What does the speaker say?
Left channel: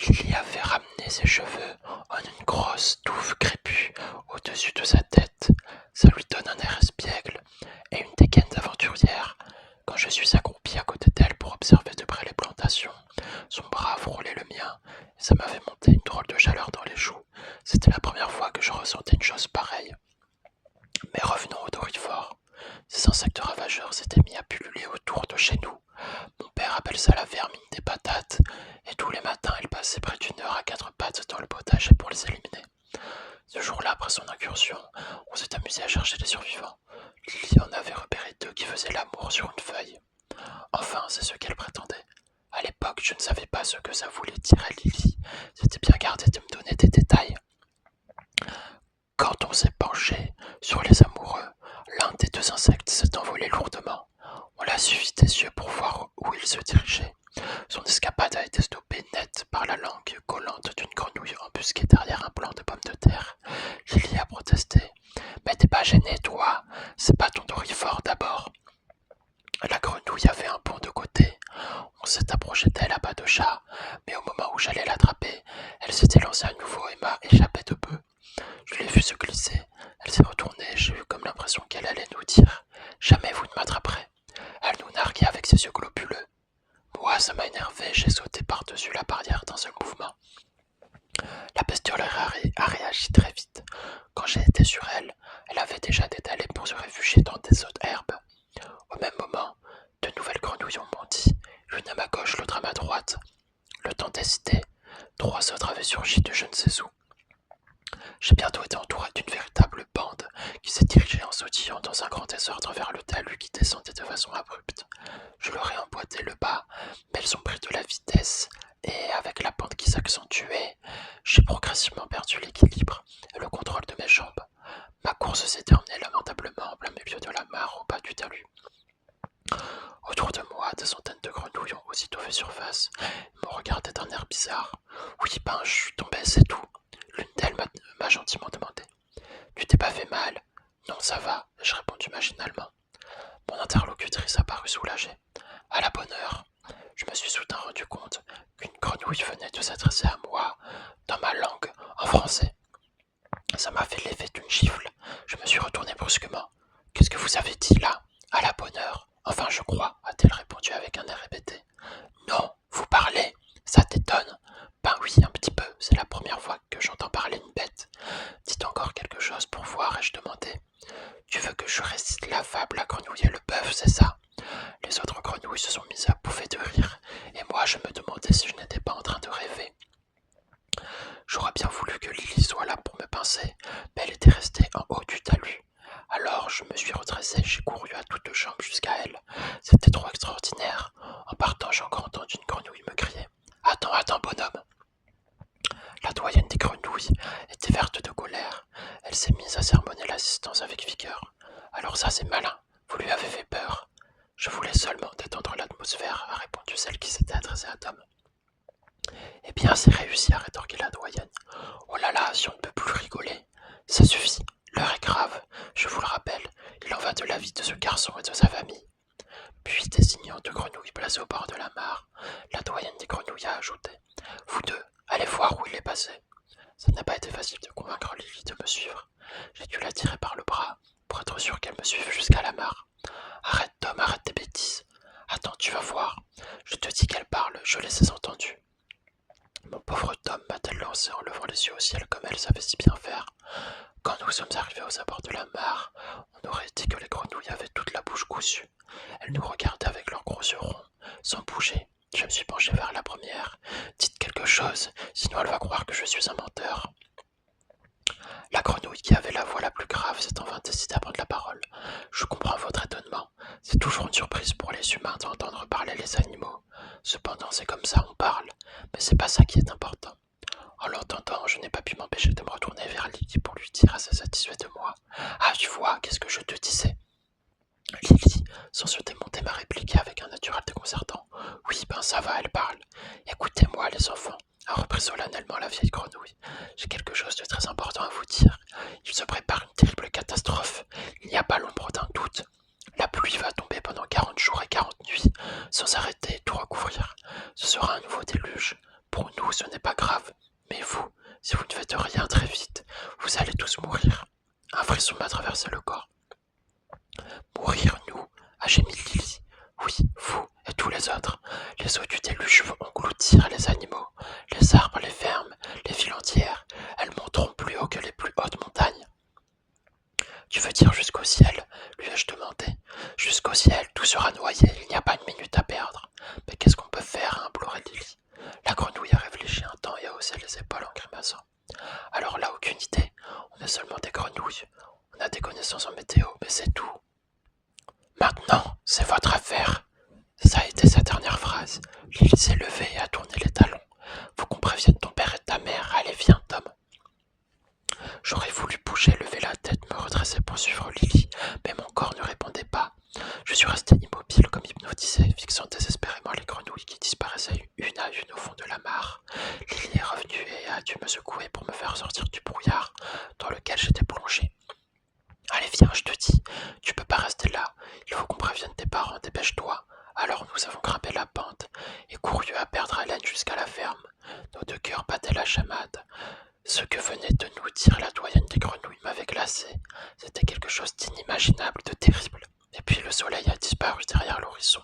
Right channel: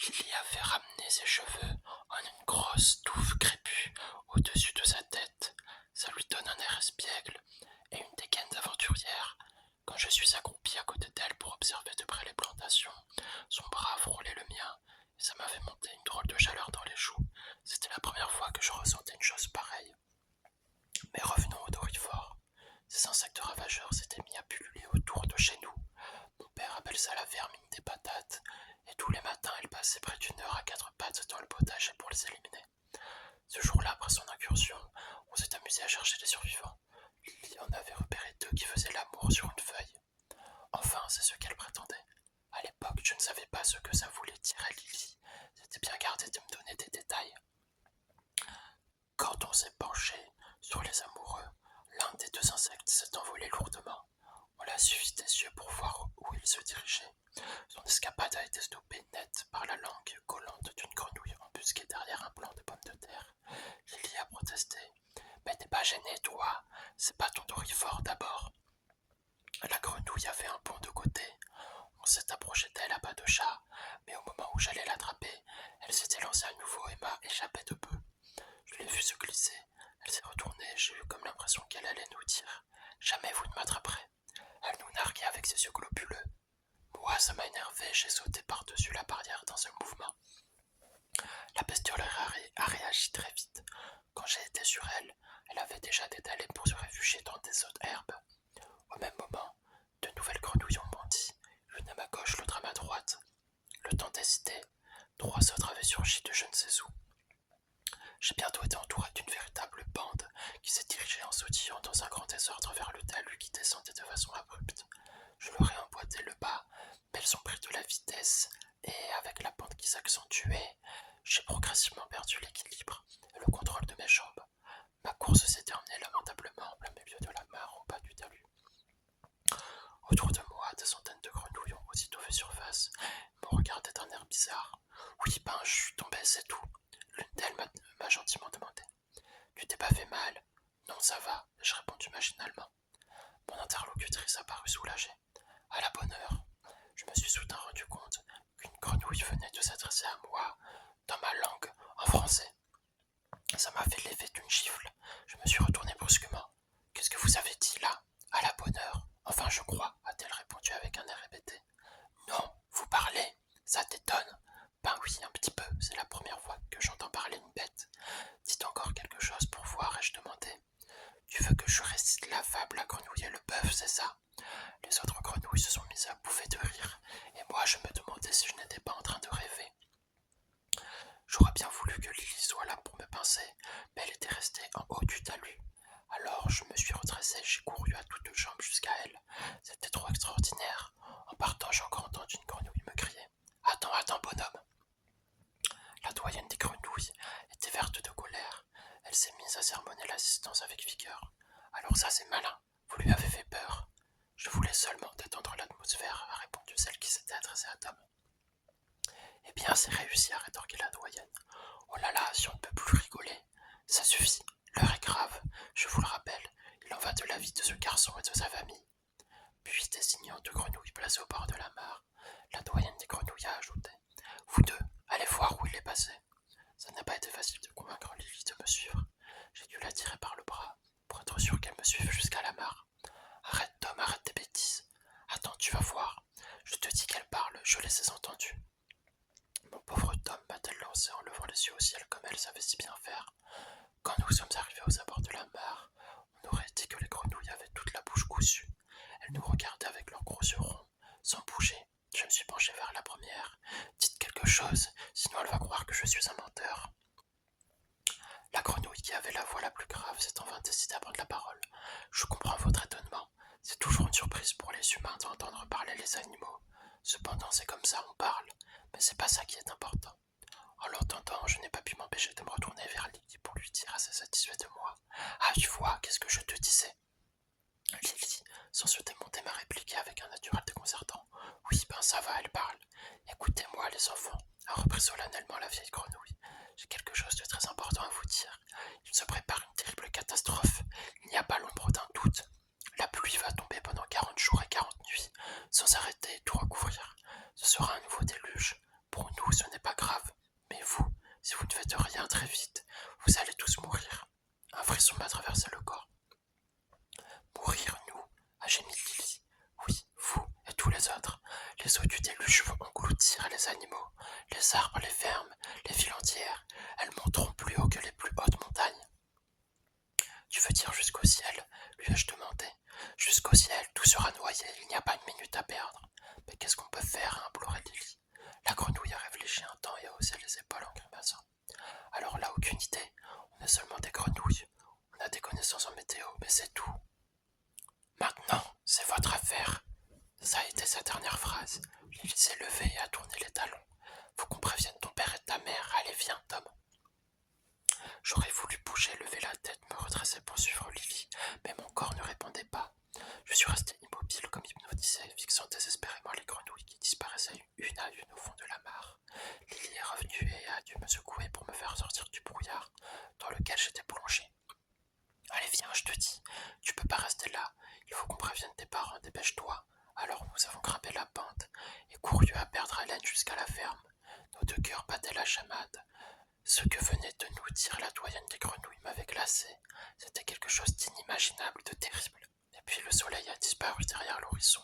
Lily avait ramené ses cheveux en une grosse touffe crépue au-dessus de sa tête. Ça lui donne un air espiègle et une dégaine d'aventurière. Quand je suis accroupi à côté d'elle pour observer de près les plantations, son bras frôlait le mien et ça m'avait monté une drôle de chaleur dans les joues. C'était la première fois que je ressentais une chose pareille. Mais revenons au Dorifort. Ces insectes ravageurs s'étaient mis à pulluler autour de chez nous. Mon père appelle ça la vermine des patates, et tous les matins il passait près d'une heure à quatre pattes dans le potager pour les éliminer. Ce jour-là, après son incursion, on s'est amusé à chercher les survivants. Lily en avait repéré deux qui faisaient l'amour sur une feuille. Enfin, c'est ce qu'elle prétendait. À l'époque, je ne savais pas ce que ça voulait dire à Lily. C'était bien gardé de me donner des détails. Quand on s'est penché sur les amoureux, l'un des deux insectes s'est envolé lourdement. On l'a suivi des yeux pour voir où il se dirigeait. Son escapade a été stoppée net par la langue collante d'une grenouille embusquée derrière un plant de pommes de terre. Lily a protesté. Mais t'es pas gêné, toi. C'est pas ton Dorifort d'abord. La grenouille avait un bond de côté. On s'est approché d'elle à pas de chat, mais au moment où j'allais l'attraper, elle s'était lancée à nouveau et m'a échappé de peu. Je l'ai vue se glisser. Elle s'est retournée et j'ai eu comme l'impression qu'elle allait nous dire Jamais vous ne m'attraperez. Elle nous narguait avec ses yeux globuleux. Moi, ça m'a énervé, j'ai sauté par-dessus la barrière d'un seul mouvement. La bestiole a réagi très vite. Quand j'ai été sur elle, elle avait déjà détalé pour se réfugier dans des autres herbes. Au même moment, de nouvelles grenouilles ont bondi, l'une à ma gauche, l'autre à ma droite. Le temps d'hésiter, trois autres avaient surgi de je ne sais où. J'ai bientôt été entouré d'une véritable bande qui s'est dirigée en sautillant dans un grand désordre vers le talus qui descendait de façon abrupte. Je leur ai emboîté le pas, mais elles ont pris de la vitesse et avec la pente qui s'accentuait, j'ai progressivement perdu l'équilibre et le contrôle de mes jambes. Ma course s'est terminée lamentablement en plein milieu de la mare au bas du talus. Autour de moi, des centaines de grenouilles ont aussitôt fait surface et m'ont regardé d'un air bizarre. Oui, je suis tombé, c'est tout. L'une d'elles m'a gentiment demandé. Tu t'es pas fait mal? Non, ça va, ai-je répondu machinalement. Mon interlocutrice a paru soulagée. À la bonne heure, je me suis soudain rendu compte qu'une grenouille venait de s'adresser à moi dans ma langue, en français. Ça m'a fait l'effet d'une gifle. Je me suis retourné brusquement. Qu'est-ce que vous avez dit là? À la bonne heure. Enfin, je crois, a-t-elle répondu avec un air répété. Non, vous parlez? Ça t'étonne? Ben oui, un petit peu. C'est la première fois que j'entends parler une bête. Dites encore quelque chose pour voir, ai-je demandé. Tu veux que je récite la fable La grenouille et le bœuf, c'est ça? Les autres grenouilles se sont mises à bouffer de rire, et moi je me demandais si je n'étais pas en train de rêver. J'aurais bien voulu que Lily soit là pour me pincer, mais elle était restée en haut du talus. Alors je me suis redressé, j'ai couru à toutes jambes jusqu'à elle. C'était trop extraordinaire. En partant, j'ai encore entendu une grenouille me crier. Attends, attends, bonhomme. La doyenne des grenouilles était verte de colère. Elle s'est mise à sermonner l'assistance avec vigueur. Alors ça c'est malin, vous lui avez fait peur. Je voulais seulement détendre l'atmosphère, a répondu celle qui s'était adressée à Tom. Eh bien, c'est réussi, a rétorqué la doyenne. Oh là là, si on ne peut plus rigoler. Ça suffit, l'heure est grave, je vous le rappelle, il en va de la vie de ce garçon et de sa famille. Puis, désignant deux grenouilles placées au bord de la mare, la doyenne des grenouilles a ajouté. Vous deux, allez voir où il est passé. Ça n'a pas été facile de convaincre Lily de me suivre. J'ai dû la tirer par le bras pour être sûr qu'elle me suive jusqu'à la mare. Arrête, Tom, arrête tes bêtises. Attends, tu vas voir. Je te dis qu'elle parle, je les ai entendues. Mon pauvre Tom, m'a-t-elle lancé en levant les yeux au ciel comme elle savait si bien faire. Quand nous sommes arrivés aux abords de la mare, on aurait dit que les grenouilles avaient toute la bouche cousue. Elles nous regardaient avec leurs gros yeux ronds, sans bouger. Je me suis penché vers la première. Dites quelque chose, sinon elle va croire que je suis un menteur. La grenouille qui avait la voix la plus grave s'est enfin décidée à prendre la parole. Je comprends votre étonnement. C'est toujours une surprise pour les humains d'entendre parler les animaux. Cependant, c'est comme ça, on parle. Mais c'est pas ça qui est important. En l'entendant, je n'ai pas pu m'empêcher de me retourner vers Lily pour lui dire assez satisfait de moi. Ah, tu vois, qu'est-ce que je te disais? Lily, sans se démonter, m'a répliqué avec un naturel déconcertant. Oui, ça va, elle parle. Écoutez-moi, les enfants, a repris solennellement la vieille grenouille. J'ai quelque chose de très important à vous dire. Il se prépare une terrible catastrophe. Il n'y a pas l'ombre d'un doute. La pluie va tomber pendant 40 jours et 40 nuits, sans arrêter et tout recouvrir. Ce sera un nouveau déluge. Pour nous, ce n'est pas Les arbres, les fermes, les villes entières, elles monteront plus haut que les plus hautes montagnes. Tu veux dire jusqu'au ciel lui ai-je demandé. Jusqu'au ciel, tout sera noyé, il n'y a pas une minute à perdre. Mais qu'est-ce qu'on peut faire, implorait Lily. La grenouille a réfléchi un temps et a haussé les épaules en grimaçant. Alors là, aucune idée. On est seulement des grenouilles. On a des connaissances en météo, mais c'est tout. Maintenant, c'est votre affaire. Ça a été sa dernière phrase. Lily s'est levée et a tourné les talons. Faut qu'on prévienne ton père et ta mère. Allez, viens, Tom. J'aurais voulu bouger, lever la tête, me redresser pour suivre Lily, mais mon corps ne répondait pas. Je suis resté immobile comme hypnotisé, fixant désespérément les grenouilles qui disparaissaient une à une au fond de la mare. Lily est revenue et a dû me secouer pour me faire sortir du brouillard dans lequel j'étais plongé. Allez, viens, je te dis, tu peux pas rester là. Il faut qu'on prévienne tes parents, dépêche-toi. Alors nous avons grimpé la pente et couru à perdre haleine jusqu'à la ferme. Nos deux cœurs battaient la chamade. Ce que venait de nous dire la doyenne des grenouilles m'avait glacé. C'était quelque chose d'inimaginable, de terrible. Et puis le soleil a disparu derrière l'horizon.